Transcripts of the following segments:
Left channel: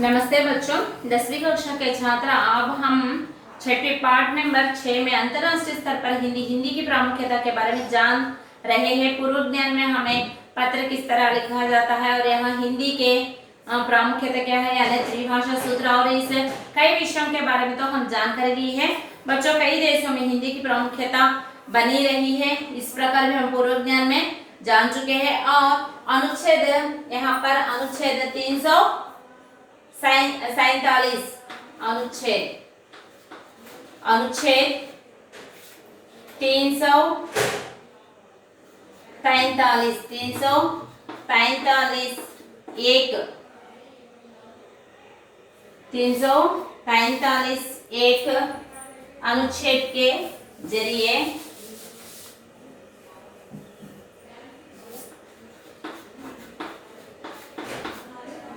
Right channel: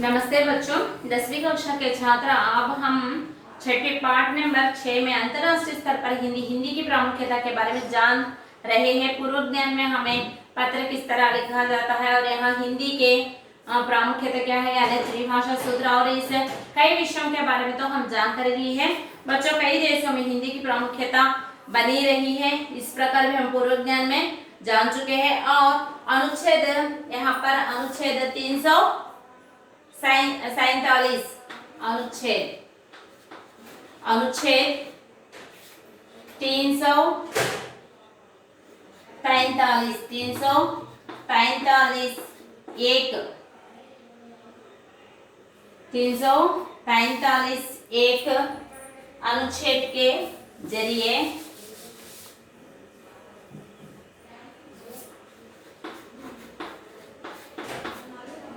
नमस्ते बच्चों, 10वीं कक्षा के छात्र। अब हम छठे पाठ नंबर 6 में अंतर्राष्ट्रीय स्तर पर हिंदी की प्रामुख्यता के बारे में जान रहे हैं। पूर्व ज्ञान में हमें पत्र किस तरह लिखा जाता है और यहाँ हिंदी के प्रामुख्यता क्या है, यानी त्रिभाषा सूत्र और इस कई विषयों के बारे में तो हम जानकारी ली है। बच्चों, कई देशों में हिंदी की प्रामुख्यता बनी रही है, इस प्रकार भी हम पूर्व ज्ञान में जान चुके हैं। और अनुच्छेद, यहाँ पर अनुच्छेद 347 अनुच्छेद 345 एक अनुच्छेद के जरिए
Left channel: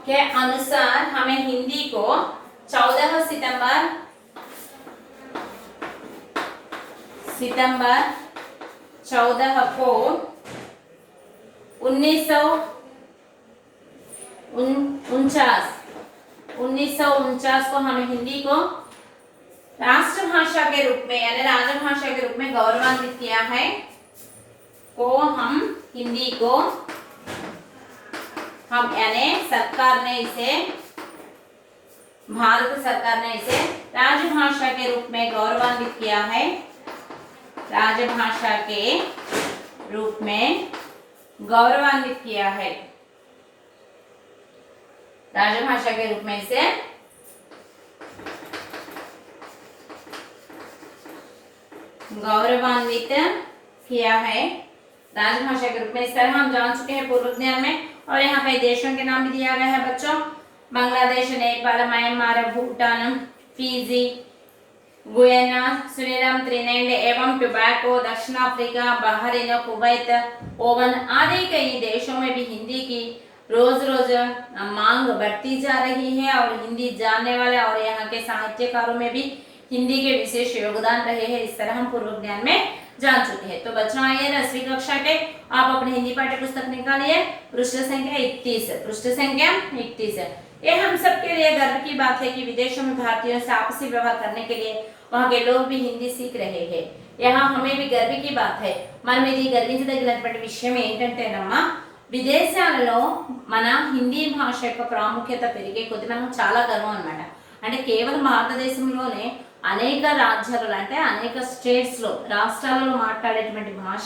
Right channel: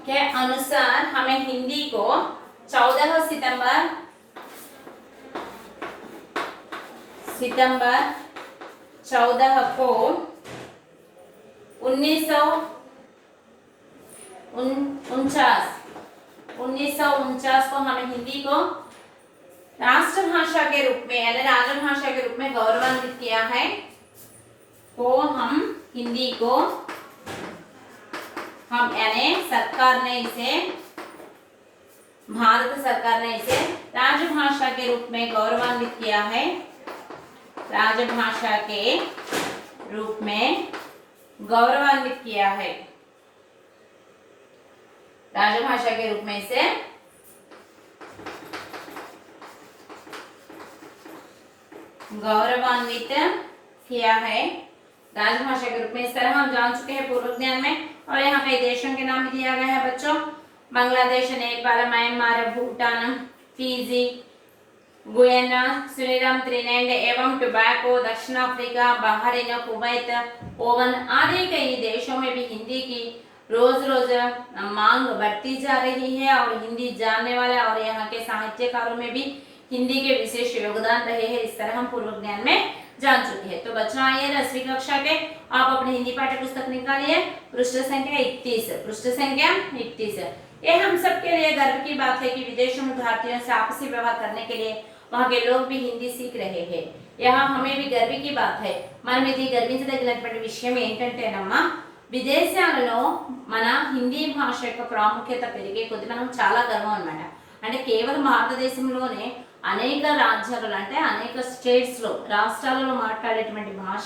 के अनुसार हमें हिंदी को 14 सितंबर 14 को 1949 को हमें हिंदी को राष्ट्रभाषा के रूप में यानी राजभाषा के रूप में गौरवान्वित किया है। हिंदी को हम यानी सरकार ने इसे, भारत सरकार ने इसे राजभाषा के रूप में गौरवान्वित किया है। राजभाषा के रूप में गौरवान्वित किया है। राजभाषा के रूप में इसे गौरवान्वित किया है। राजभाषा के रूप में इस तरह हम जान चुके हैं पूर्व ज्ञान में। और यहाँ कई देशों के नाम भी दिया गया है बच्चों। Bangladesh, Nepal, Myanmar, Bhutan, Fiji, Guyana, Suriname, Trinidad एवं टोबैगो, दक्षिण अफ्रीका, बहरीन, कुवैत, ओमान आदि कई देशों में भी हिंदी की रोज रोज मांग बढ़ती जा रही है। और हिंदी जानने वाले और यहाँ के साहित्यकारों में भी हिंदी के विशेष योगदान रहे हैं। इस तरह हम पूर्व ज्ञान में जान चुके हैं। तो बच्चों, आइए 10वीं कक्षा के आप अपनी हिंदी पाठ्य पुस्तक निकालिए। पृष्ठ संख्या 31 है। ये हम सबके लिए गर्व की बात है कि विदेशों में भारतीयों से आपसी व्यवहार करने के लिए वहाँ के लोग भी हिंदी सीख रहे हैं। यहाँ हमें भी गर्व की बात है। मन में गर्विंచదగినటువంటి విషయం ఏంటంటేనమ్మా, విదేశాలలో మన హిందీ భాష యొక్క ప్రాముఖ్యత పెరిగే కొద్ది మనం చాలా గర్వం అన్నమాట. అంటే కేవలం భారతదేశంలోనే అనేక రాజ్యాలలో అంటే అనేక స్టేట్స్లో రాష్ట్రాలలో మాట్లాడేటువంటి భాష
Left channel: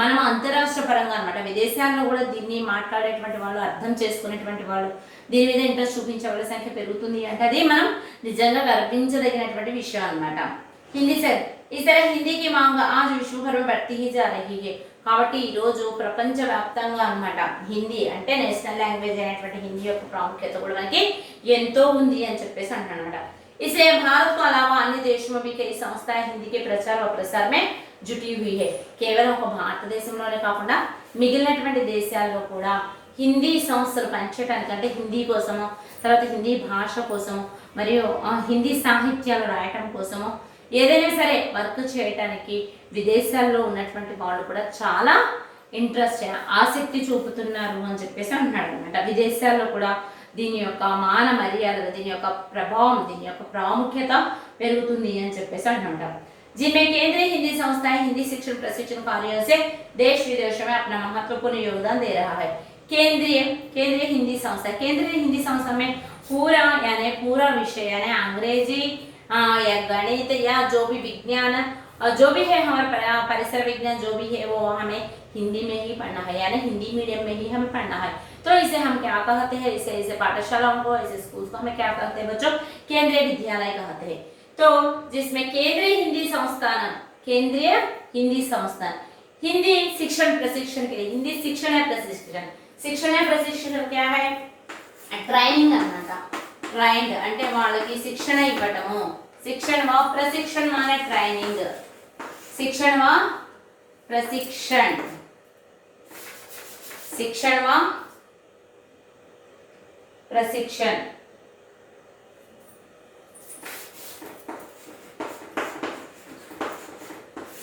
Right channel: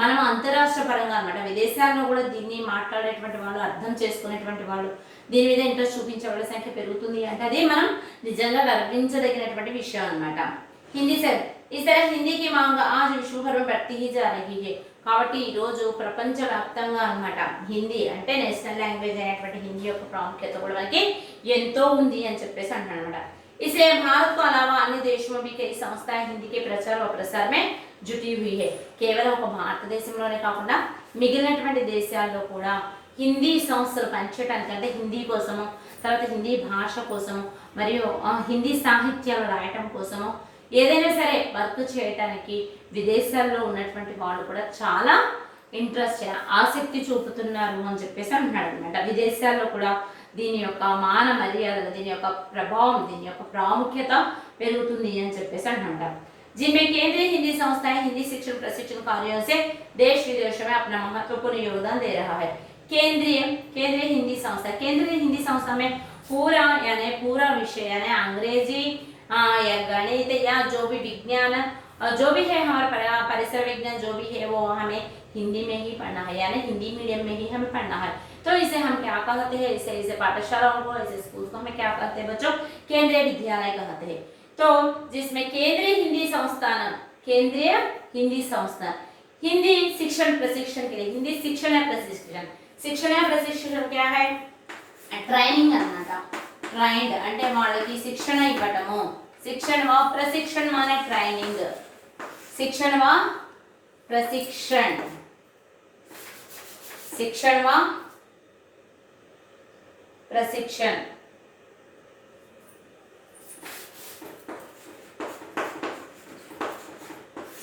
మనం అంతరాష్ట్ర పరంగా అనమాట. విదేశాల్లో కూడా దీన్ని మాట్లాడేటువంటి వాళ్ళు, అర్థం చేసుకునేటువంటి వాళ్ళు, దీని మీద ఇంట్రెస్ట్ చూపించే వాళ్ళ సంఖ్య పెరుగుతుంది అంటే అది మనం నిజంగా గర్వించదగినటువంటి విషయం అనమాట. హిందీ సార్ इस तरह हिंदी की मांग आज विश्व भर में बढ़ती ही जा रही है. కాబట్టి ఈ రోజు ప్రపంచవ్యాప్తంగా అన్నమాట హిందీ అంటే నేషనల్ లాంగ్వేజ్ అయినటువంటి హిందీ యొక్క ప్రాముఖ్యత కూడా మనకి ఎంతో ఉంది అని చెప్పేసి అంటున్నాను అనమాట. इसलिए भारत को अलावा अन्य देशों में भी कई संस्थाएं हिंदी के प्रचार और प्रसार में जुटी हुई है. కేవలం ఒక భారతదేశంలోనే కాకుండా మిగిలినటువంటి దేశాల్లో కూడా హిందీ సంస్థలు పనిచేయడానికి, అంటే హిందీ కోసము, తర్వాత హిందీ భాష కోసము, మరియు హిందీ సాహిత్యాలు రాయటం కోసము, ఏదైనా సరే వర్క్ చేయటానికి విదేశాల్లో ఉన్నటువంటి వాళ్ళు కూడా చాలా ఇంట్రెస్ట్, ఆసక్తి చూపుతున్నారు అని చెప్పేసి అంటున్నాడు అనమాట. విదేశాల్లో కూడా దీని యొక్క మాన మర్యాదలు, దీని యొక్క ప్రభావం, దీని యొక్క ప్రాముఖ్యత పెరుగుతుంది అని చెప్పేసి అంటున్నారు. जिनमें केंद्रीय हिंदी संस्थाएं हिंदी शिक्षण प्रशिक्षण कार्यों से देश विदेशों में अपना महत्वपूर्ण योगदान दे रहा है. केंद्रीय हिंदी संस्था में पूरा यानी पूरा विषय यानी अंग्रेजी या गणित या जो भी विज्ञान जो भी है, हमारा परिसर विज्ञान जो भी है वो हमें हिंदी में ही पढ़ना है, यानी हिंदी मीडियम में ही हमें पढ़ना है. तो इसे हम क्या कहते हैं, इसे पाठशालाओं को, इसे स्कूल को हमें क्या कहते हैं बच्चों, केंद्रीय विद्यालय कहते हैं. तो जिसमें केंद्रीय हिंदी संस्थान हिंदी शिक्षण प्रशिक्षण के लिए, हिंदी शिक्षण या प्रशिक्षण क्या है, ट्రైనింగ్ అన్నమాట. ట్రైన్డ్ అంటే వాళ్ళకి శిక్షణ ఇవ్వటము. శిక్షణ व प्रशिक्षण माने ट्रेनिंग. शिक्षण व प्रशिक्षण, शिक्षण व प्रशिक्षण.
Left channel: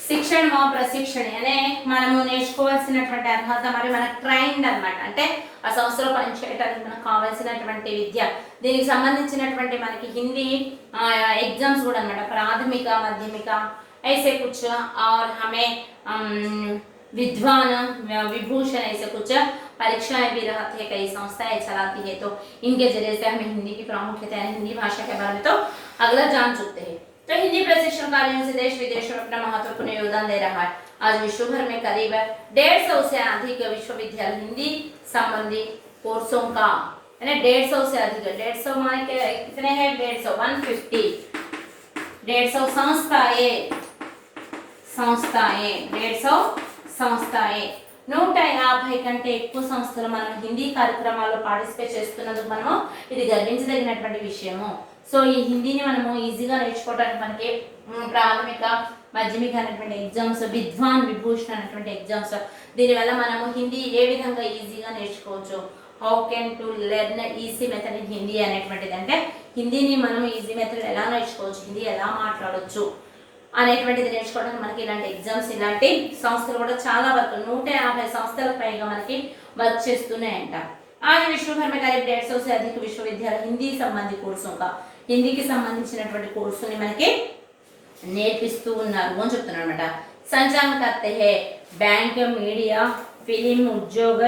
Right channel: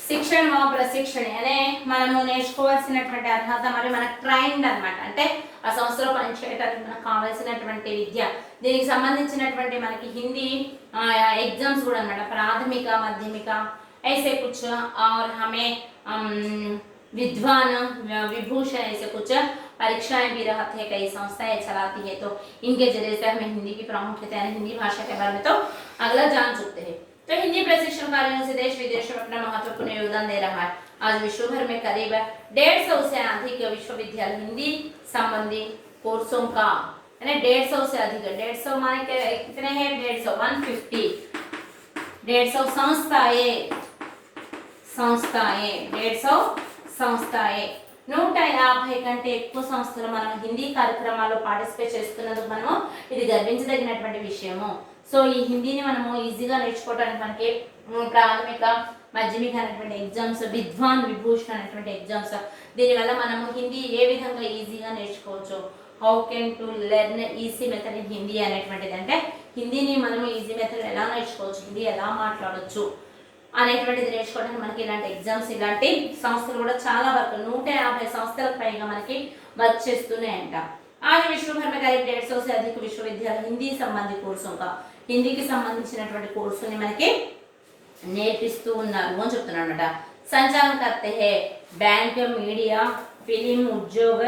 శిక్షణ ప్రశిక్షణ అనే మనము నేర్చుకోవాల్సినటువంటి అర్హత మరి మనకు ట్రైన్డ్ అన్నమాట. అంటే ఆ సంస్థలో పనిచేయడానికి మనకు కావాల్సినటువంటి విద్య, దీనికి సంబంధించినటువంటి మనకి హిందీ एग्जाम्स కూడా అనమాట, ప్రాథమిక మాధ్యమిక ऐसे कुछ और हमें विद्वान विभूषण ऐसे कुछ परीक्षाएं भी रहती है, कई संस्थाएं चलाती है, तो इनके जरिए से हमें हिंदी की प्रामुख्यता यानी हिंदी भाषा के बारे में तो अगला जान चुकते हैं। तो हिंदी प्रशिक्षण कार्यों से देश विदेश में अपना महत्वपूर्ण योगदान दे रहा है। आज विश्व भर में करीब 150 से अधिक विश्वविद्यालय हिंदी संबंधी कोर्सों का, यानी 150 से अधिक, 150 माने कितने हैं, 150 150 संस्थाएं 150 కంటే ఎక్కువ సంస్థలు మనం హిందీ కార్యక్రమాల్లో పార్టిసిపేట్ చేస్తున్నందుకు మనము ఇది గర్వించదగినటువంటి విషయము। సో ఈ హిందీని మనము ఈజీగా నేర్చుకోవడానికి మనకి ప్రాథమిక మాధ్యమిక అనేటువంటి ఎగ్జామ్స్, విద్వాన్ విభూషణ్ అనేటువంటి ఎగ్జామ్స్, దీనివల్ల మనము హిందీ ఏ విధంగా ఈజీగా నేర్చుకోవచ్చు, how can to learn easy method in Hindi అనేటువంటిది, అంటే హిందీని మనం ఈజీ మెథడ్ ఎలా నేర్చుకోవచ్చు, హిందీ ఎలా మాట్లాడవచ్చు అనేటువంటిది నేర్చుకోవడానికి మనకి ఇలాంటి ఎగ్జామ్స్, ఇలాంటి సంస్థలు కూడా చాలా వరకు 150 సంస్థలకు పైగా మనకి వర్క్ చేస్తున్నాయంట। आज विश्व भर में करीब 150 से अधिक विश्वविद्यालय हिंदी संबंधी कोर्सों का, హిందీకి సంబంధించినటువంటి కోర్సుని మనకి నేర్పిస్తూ ఉన్నారు అని చెప్తున్నారు అన్నమాట। संचालन करते हैं बैंक, मीडिया, फिल्म, उद्योग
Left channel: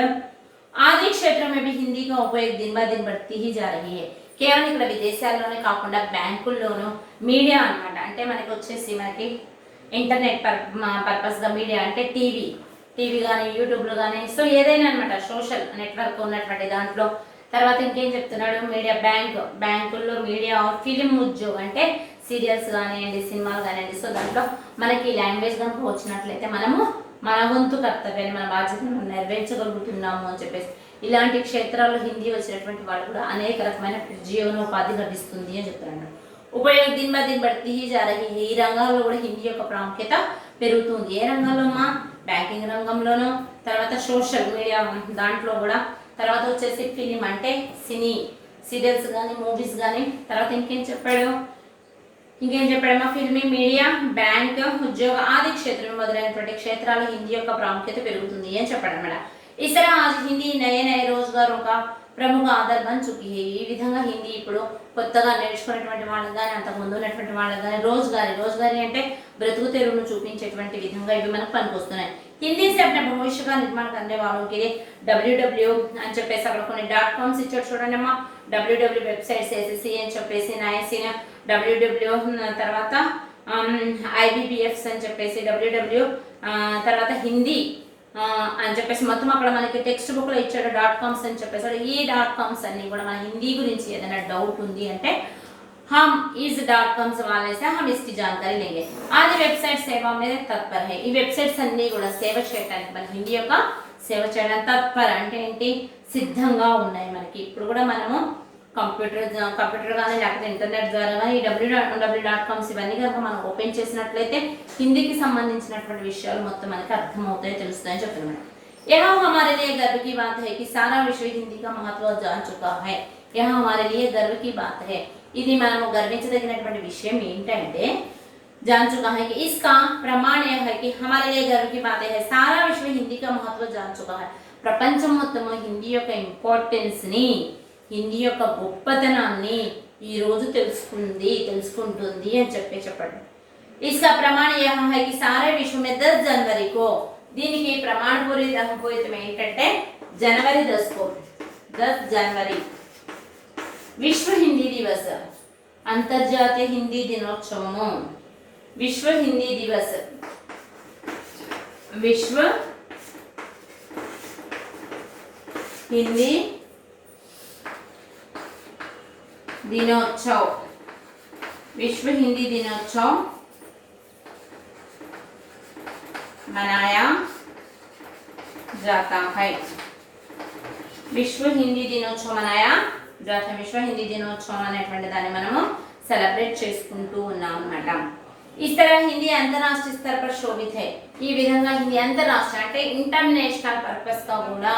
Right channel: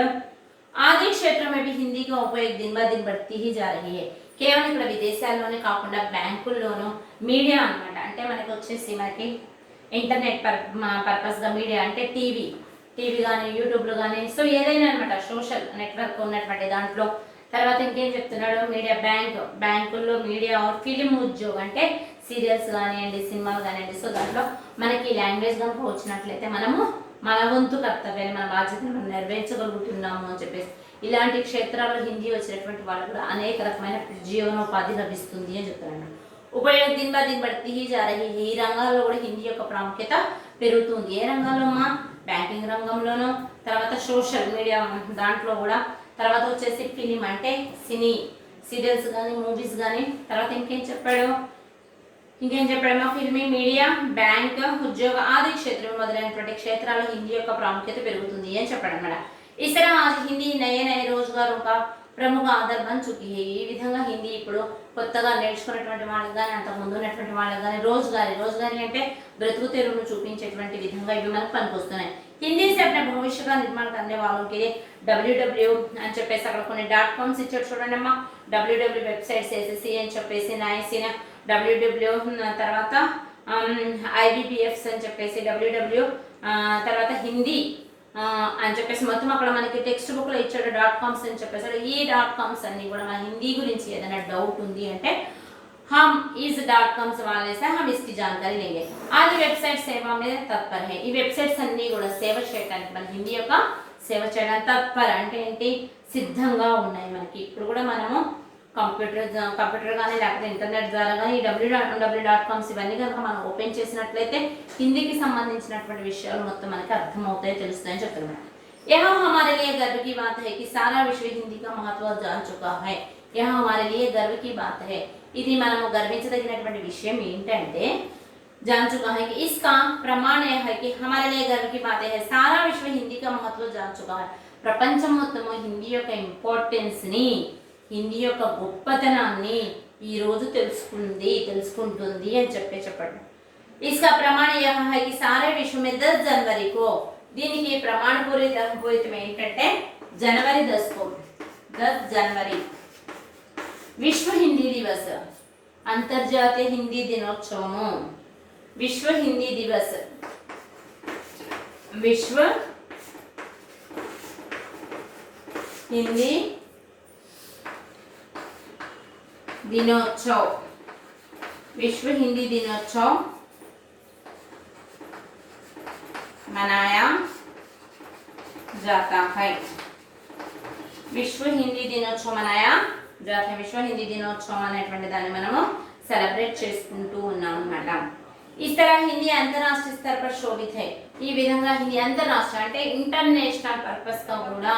आदि क्षेत्रों में भी हिंदी का उपयोग दिन ब दिन बढ़ती ही जा रही है। కేవలం ఇక్కడ విదేశాల్లోనే కాకుండా బ్యాంకుల్లోనూ మీడియా అనమాట, అంటే మనకి వచ్చేసి మనకి ఇంటర్నెట్ పర్పస్గా మీడియా అంటే టీవీ కానీ యూట్యూబ్లో కానీ, సో ఏదైనా అనమాట సోషల్ నెట్వర్క్ ఉన్నటువంటి దాంట్లో। తర్వాత ఇంకేం చెప్తున్నాడు, మీడియా బ్యాంకుల్లో మీడియా, ఫిలిం ఉద్యోగం అంటే సీరియల్స్ కానివ్వండి, సినిమాలు కానివ్వండి, సో దాంట్లో మనకి లాంగ్వేజ్ కనుక వచ్చినట్లయితే మనము మన వంతు కర్తవ్యాన్ని, మన బాధ్యతను మనం నెరవేర్చగలుగుతున్నాము అని చెప్పేసి, ఇలాంటి క్షేత్రాల్లో హిందీ వచ్చినటువంటి వాళ్ళు కూడా అనేక రకమైన జీవనోపాధి లభిస్తుంది అని చెప్తున్నాడు। ఉపయోగం దిన్ బ దిన్ బడితే ही जा रही है। ఈ రంగాల్లో కూడా హిందీ యొక్క ప్రాముఖ్యత పెరుగుతుంది। ఏ రంగాల్లో అమ్మా, బ్యాంకింగ్ రంగంలోనూ, తర్వాత సోషల్ మీడియా దాంట్లో కూడా, తర్వాత వచ్చేసి ఫిలిం అంటే సీరియల్స్ కానీ మూవీస్ కానీ, తర్వాత ఇంకేం చెప్పాడమ్మా, ఫిల్మీ, మీడియా, బ్యాంక్, ఉద్యోగ ఆది క్షేత్రం మొదలైనటువంటి క్షేత్రాల్లో హిందీ యొక్క ప్రాముఖ్యత పెరుగుతుంది అని చెప్పాడన్నమాట। इस तरह आज हिंदी नए नए रोजगारों का प्रमुख आधार बन चुकी है। ఈ విధంగా హిందీ ఇప్పుడు కొత్తగా నేర్చుకునేటువంటి వాళ్ళకి కానీ, అంతకుముందు ఉన్నటువంటి వాళ్ళకి కానీ రోజుగారీ అంటే బ్రతుకు తెరువును చూపించేటువంటి విధంగా ఇవి మనకు పనికొస్తున్నాయి। హిందీ से अपने भविष्य का निर्माण करने वालों के लिए www అని చెప్పేసి అక్కడ కొన్ని .coms ఇచ్చాడు చూడండి అమ్మా, www వెబ్సైట్స్ SSC అని చెప్పేసి, NIC www, తర్వాత IBPFs అని చెప్పేసి www, తర్వాత హిందీ అని చెప్పేసి మొత్తం అక్కడ మనకి టెక్స్ట్ బుక్ లో ఇచ్చాడు .coms అని చెప్పేసి। ఈ .coms అన్ని కూడా మన హిందీ గురించి ఏదైనా డౌట్ ఉంది అంటే हम इस .coms वाले से हम इसकी जानकारी लेंगे। आज वेबसाइट सेवा में तत्पर है। ఈ వెబ్సైట్స్ అన్ని కూడా సేవ చేయడానికి, మన హిందీ యొక్క సేవ చేయడానికి తత్పర అంటే ఏంటి, సిద్ధంగా ఉన్నాయి మనకి। ఇప్పుడు కూడా మనము కంప్యూటర్ కానీ లేకపోతే ఇంటర్నెట్ ద్వారా కానీ ఈ www.coms ఇవన్నీ కనుక మనం ఓపెన్ చేసినట్లయితే హిందీకి సంబంధించినటువంటి విషయాలు మొత్తం మనకి అర్థమవుతాయి, తెలుస్తాయని చెప్తున్నాను। यह हमारे लिए गर्व की बात है कि सारा विश्व हिंदी का महत्व जान चुका है। यह हमारे लिए गर्व की बात है। ఇది మనము గర్వించదగినటువంటి విషయం ఏంటంటే, जान चुका है कि इसका प्रमाण यह है कि हमारे लिए गर्व की बात है सारा विश्व हिंदी का महत्व जान चुका है। ప్రపంచం మొత్తము హిందీ యొక్క ఇంపార్టెన్స్ ని, హిందీ యొక్క గొప్పతనాన్ని ఈ రోజు తెలుసుకుంటుంది అని చెప్పండి। इसका प्रमाण यह है कि सारे विश्व में 10 जनवरी को, దీనికి ప్రమాణపూరితం ఏంటంటే जनवरी 10 जनवरी విశ్వ హిందీ దివస్, అంతర్జాతీయ హిందీ దినోత్సవము, విశ్వ హిందీ దివస్, విశ్వ హిందీ दिनोत्सव, विश्व हिंदी दिनोत्सव मनाया जाता है। विश्व हिंदी दिनोत्सव मनाया जाता है। विश्व हिंदी दिनोत्सव అనేటువంటి దాన్ని మనము సెలబ్రేట్ చేసుకుంటూ ఉన్నాం అన్నమాట। इस तरह हिंदी अंतरराष्ट्रीय स्तर पर शोभित है। ఈ విధంగా హిందీ అంతర్రాష్ట్ర అంటే ఇంటర్నేషనల్ పర్పస్ గా కూడా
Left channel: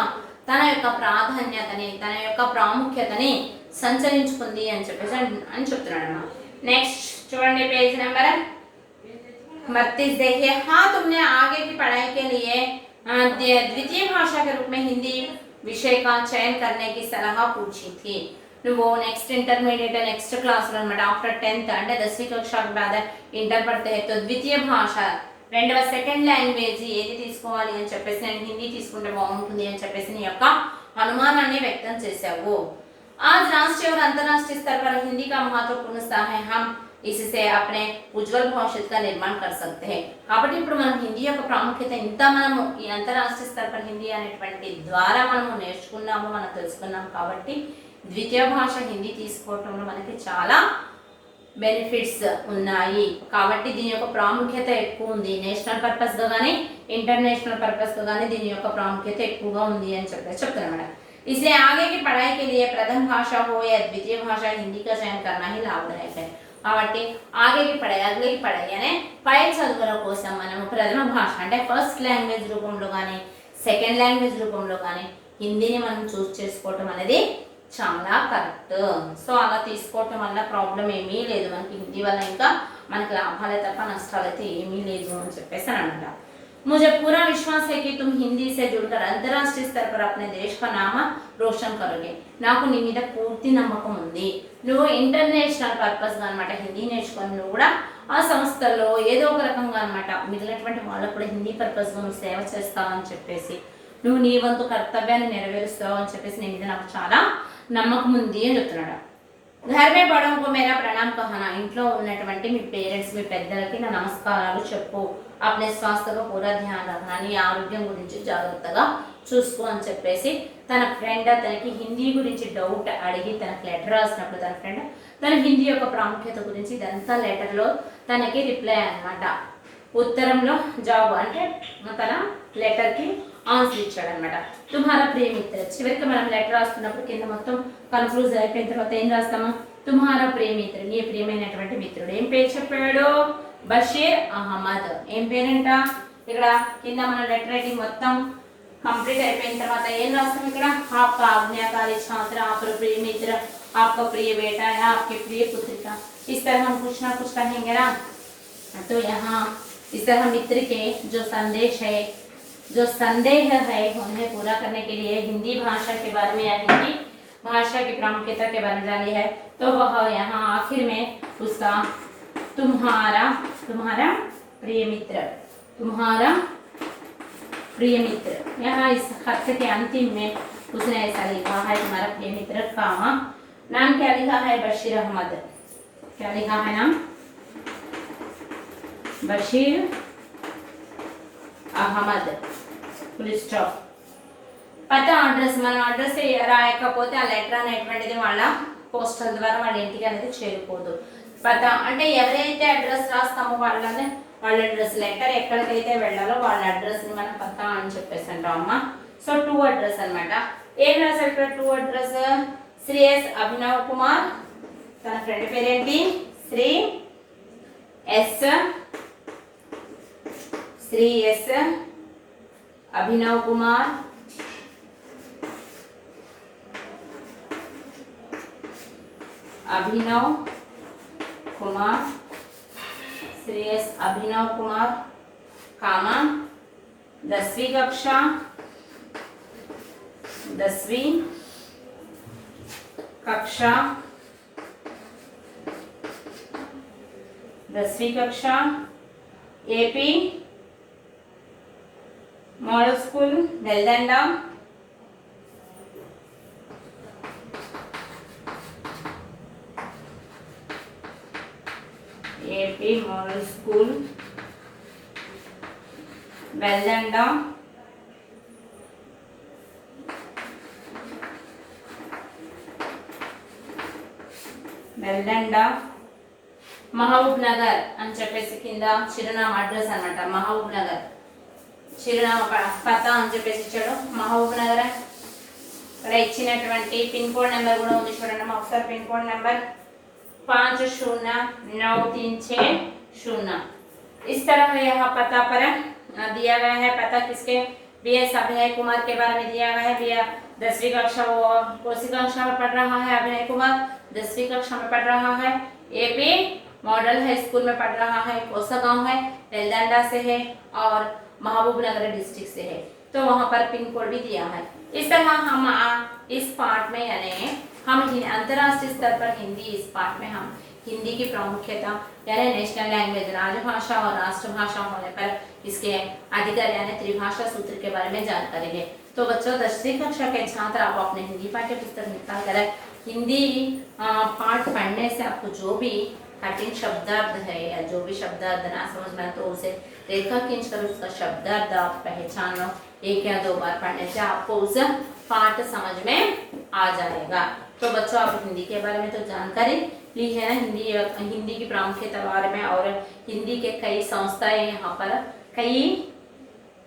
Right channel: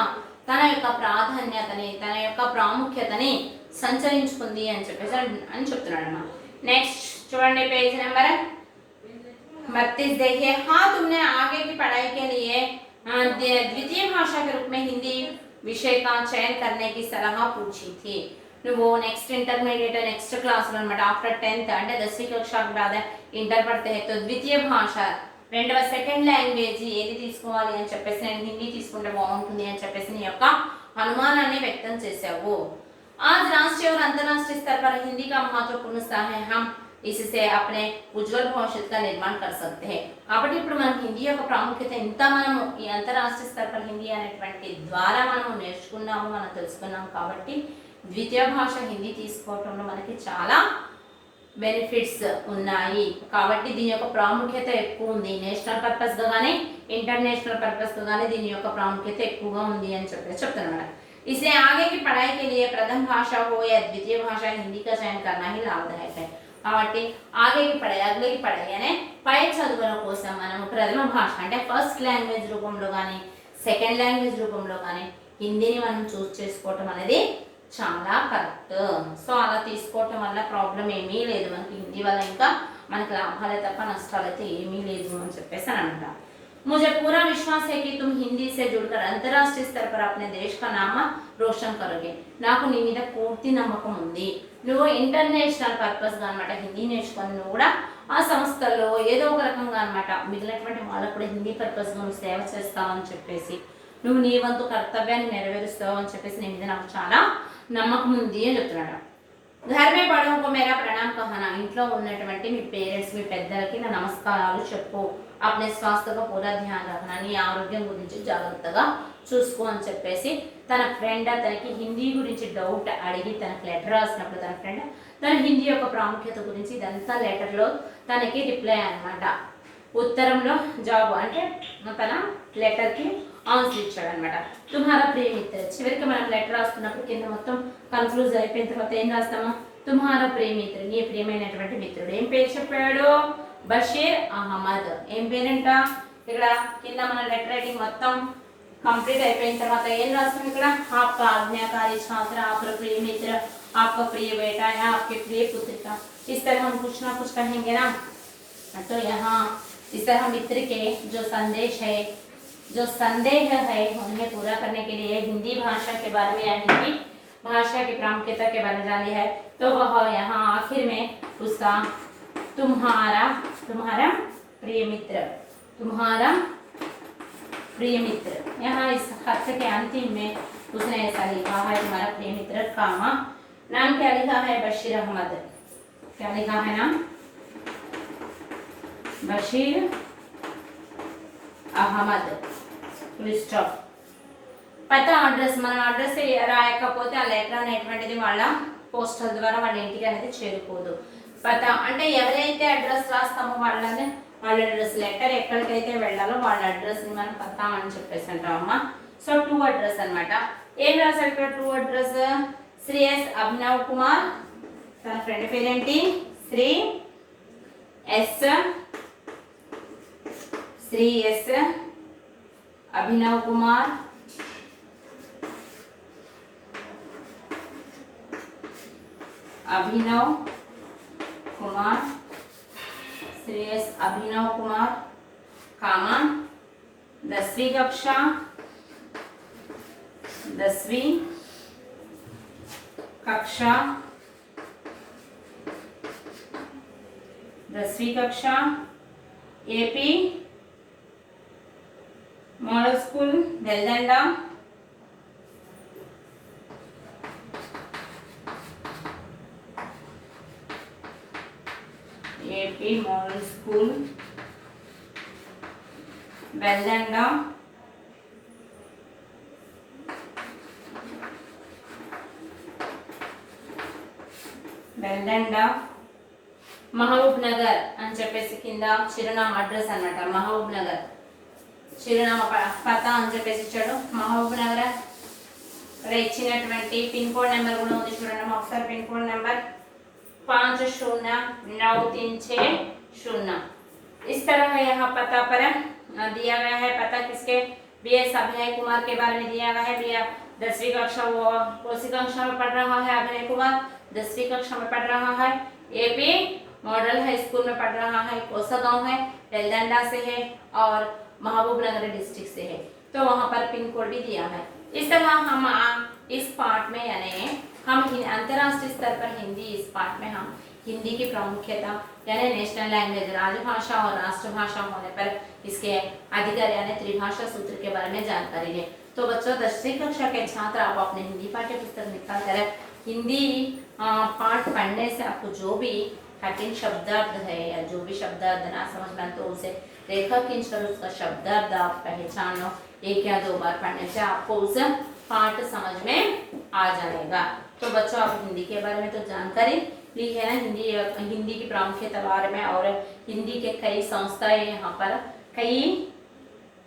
తన యొక్క ప్రాధాన్యతని, తన యొక్క ప్రాముఖ్యతని సంచరించుకుంది అని చెప్తున్నాడు అన్న। నెక్స్ట్ చూడండి పేజ్ నెంబర్ 32 देखिए। हाँ, तुमने आगे की पढ़ाई के लिए द्वितीय भाषा के रूप में हिंदी విషయ का चयन करने की सलाह पूछी थी నువ్వు నెక్స్ట్ ఇంటర్మీడియట్ నెక్స్ట్ క్లాస్ అనమాట ఆఫ్టర్ 10th అంటే 10वीं कक्षा के बाद ఇంటర్ పడితే तो ద్వితీయ భాష రెండవ సెకండ్ లాంగ్వేజ్ ఏది తీసుకోవాలి అని చెప్పేసి నేను హిందీ తీసుకుంటే బాగుంటుంది అని చెప్పేసి నీ యొక్క అనుమానాన్ని వ్యక్తం చేశావు आज राष्ट्रीय और अंतर्राष्ट्रीय स्तर पर हिंदी का महत्वपूर्ण स्थान है हम इससे अपने उज्जवल भविष्य का निर्माण कर सकते हैं కాబట్టి ఇప్పుడు మనం హిందీ యొక్క ప్రాముఖ్యత ఎంత మనము ఈ అంతర్రాష్ట్రీయ స్థర पर హిందీ అనేటువంటి ద్వారా మనము నేర్చుకున్నాము మనం తెలుసుకున్నాం కాబట్టి ద్వితీయ భాష హిందీ తీసుకోవటంలో మనకి చాలా బెనిఫిట్స్ ఉన్నాయి కాబట్టి దీని యొక్క ప్రాముఖ్యత ఎక్కువ ఉంది నేషనల్ పర్పస్ గా గానీ ఇంటర్నేషనల్ పర్పస్ గా గానీ దీని యొక్క ప్రాముఖ్యత ఎక్కువగా ఉంది అని చెప్తున్నాను इसलिए आगे की पढ़ाई के लिए प्रथम भाषा हो या द्वितीय भाषा हिंदी का चयन करना ही लाभदायक है కాబట్టి ఆగేకి పడాయి అనే పై చదువుల కోసం మనం ప్రథమ భాష అంటే ఫస్ట్ లాంగ్వేజ్ రూపంలో కానీ సెకండ్ లాంగ్వేజ్ రూపంలో కానీ హిందీని మనం చూస్ చేసుకోవటం అనేది చాలా కరెక్ట్ సో అలా తీసుకోవటం వల్ల ప్రాబ్లం ఏమీ లేదు మనకి హిందీ వల్ల ఇంకా మనకి లాభాలే తప్ప నష్టాలు అయితే ఏమీ లేదు అని చెప్పేసి అని అంటారు मुझे पूरा विश्वास है कि तुम हिंदी से जुड़कर अंतर्राष्ट्रीय स्तर पर अपने देश का नाम रोशन करोगे నాకు నీ మీద పూర్తి నమ్మకం ఉంది నువ్వు ఇంటర్నేషనల్ పర్పస్ గా అన్నమాట హిందీ నేర్చుకొని నువ్వు కూడా ఆ సంస్థల్లో ఏదో ఒక రకంగా అన్నమాట మిగిలినటువంటి వాళ్ళకు కూడా హిందీ పర్పస్ గా నువ్వు సేవ చేస్తావు అని చెప్పేసి నువ్వు నీ వంతు కర్తవ్యాన్ని నెరవేరుస్తావు అని చెప్పేసి నీ మీద నాకు చాలా నమ్మకం ఉంది అని చెప్తున్నాడు घर में बड़ों को मेरा प्रणाम कहना ఇంట్లో ఉన్నటువంటి మీ పేరెంట్స్ మీ పెద్దలకి నా నమస్కారాలు చెప్పు अपने स्वास्थ्य को पूरा ध्यान रखना నీ ఆరోగ్యం గురించి జాగ్రత్తగా చూసుకో అని చెప్పేసి తన ఫ్రెండ్ తనకి హిందీ గురించి డౌట్ అడిగి తనకి లెటర్ రాసినప్పుడు తన ఫ్రెండ్ తన హిందీ యొక్క ప్రాముఖ్యత గురించి ఇదంతా లెటర్లో తనకి రిప్లై అన్నమాట ఉత్తరంలో జవాబు అంటే తన లెటర్కి ఆన్సర్ ఇచ్చాడు అనమాట తుమ్హారా ప్రియ మిత్ర చివరికి మనం లెటర్ రాస్తున్నప్పుడు కింద మొత్తం కన్క్లూజ్ అయిపోయిన తర్వాత ఏం రాస్తాము తుమ్హారా ప్రియ మిత్ర నీ ప్రియమైనటువంటి మిత్రుడు ఏం పేరు చెప్పాడు బషీర్ అహ్మద్ ఏం పేరంట ఇక్కడ కింద మన లెటర్ రైటింగ్ మొత్తం कंप्लीट అయిపోయిన తర్వాత ఏం రాస్తాం ఇక్కడ आपका आज्ञाकारी छात्र आपका प्रिय मित्र आपका प्रिय बेटा है आपके प्रिय पुत्रिका इस तरह हम कुछ ना कुछ कहेंगे ना तो यहाँ इस तरह मित्र के जो संदेश है जो संदेह है उन्हें पूरा करने के लिए हिंदी भाषा के बारे में या हिंदी भाषा की प्रामुख्यता के बारे में जानी है तो वह यहाँ आखिर में उसका तुम्हारा प्रिय मित्र तुम्हारा प्रिय मित्र यहाँ इस खत के अंतिम में उसने ऐसा लिखा है तुम्हारा प्रिय मित्र कामा नाम क्या लिखा है बशीर अहमद क्या लिखा है नाम बशीर अहमद फुल स्टॉप పతా అడ్రస్ మనం అడ్రస్ రాయకపోతే ఆ లెటర్ అనేటువంటిది వాళ్ళ పోస్టల్ ద్వారా వాళ్ళ ఇంటికి అనేది చేరుకోదు పతా అంటే ఎవరైతే అడ్రస్ రాస్తామో వాళ్ళ అడ్రస్ లెటర్ ఎక్కడికైతే వెళ్ళాలో వాళ్ళ అడ్రస్ ని మనం పతా అని చెప్పేసి అంటాం అమ్మ సో టూ అడ్రస్ అన్నమాట ఏం రాశారు ఇక్కడ to address Shri S Abhinav Kumar తన ఫ్రెండ్ పేరేంటి Shri S Abhinav Kumar Shri S Abhinav Kumar comma 10वीं कक्षा 10वीं कक्षा AP model school Veldanda AP model school Veldanda Mahabubnagar అని చెప్పేసి కింద చిరునామా అడ్రస్ అన్నమాట మహబూబ్ నగర్ చిరునామా పతా అని చెప్పేసి ఇచ్చాడు మహబూబ్ నగర్ ఇక్కడ ఇచ్చినటువంటి పిన్ కోడ్ నెంబర్ కూడా ఉంది చూడండి ఒకసారి పిన్ కోడ్ నెంబర్ 509360 इस तरह यहाँ पता पर दिया गया है पता किसके बीएस अभिनय कुमार के बारे में दिया गया है भैया 10वीं कक्षा वो कौन-सी कक्षा में पढ़ रहा है अभिनय कुमार 10वीं कक्षा में पढ़ रहा है एपी मॉडल हाई स्कूल में पढ़ रहा है कोसा गांव है वेलदंडा से है और महबूब नगर डिस्ट्रिक्ट से है तो वहां पर पिन कोड भी दिया है। इस तरह हम इस पार्ट में यानी हम अंतर्राष्ट्रीय स्तर पर हिंदी, इस पार्ट में हम हिंदी की प्रामुख्यता यानी नेशनल लैंग्वेज, राजभाषा और राष्ट्रभाषा होने पर इसके अधिकार यानी त्रिभाषा सूत्र के बारे में जानकारी है। तो बच्चों 10वीं कक्षा के छात्र आप अपने हिंदी पाठ्य पुस्तक निकाल कर हिंदी पाठ पढ़ने से आपको जो भी कठिन शब्दार्थ है या जो भी शब्दार्थ ना समझ में तो उसे रेखा खींचकर उसका शब्दार्थ आप पहचान लो। एक या दो बार पढ़ने से आपको उस पाठ समझ में आ जाएगा। तो बच्चों आप हिंदी के बारे में तो जानकारी ली है ना, हिंदी की प्रामुख्यता बारे में, और हिंदी के कई संस्थाएं यहाँ पर कई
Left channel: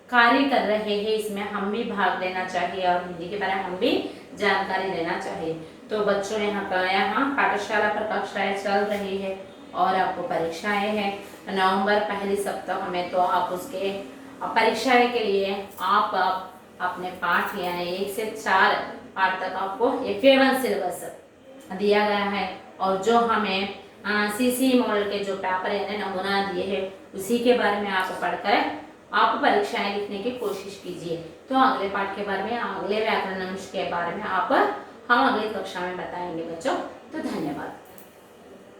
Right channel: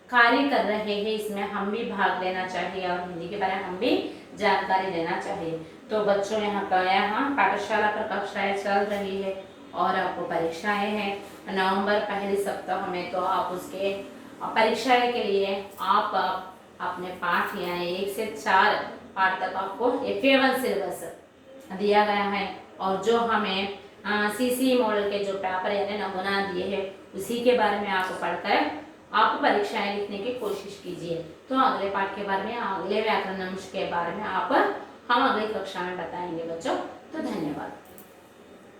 कार्य कर रहे हैं, इसमें हम भी भाग लेना चाहिए और हिंदी के बारे में हम भी जानकारी लेना चाहिए। तो बच्चों यहाँ पाठशाला पर कक्षाएं चल रही है और आपको परीक्षाएं हैं नवंबर पहले सप्ताह में। तो आप उसके परीक्षाएं के लिए आप अपने पाठ यानी 1 से 4 पाठ तक आपको FA1 सिलेबस दिया गया है, और जो हमें CC मॉडल के जो पेपर यानी नमूना दिए हैं उसी के बारे में आप पढ़कर आप परीक्षाएं लिखने की कोशिश कीजिए। तो अगले पाठ के बारे में, अगले व्याकरण अंश के बारे में हम अगली कक्षा में बताएंगे बच्चों। तो धन्यवाद।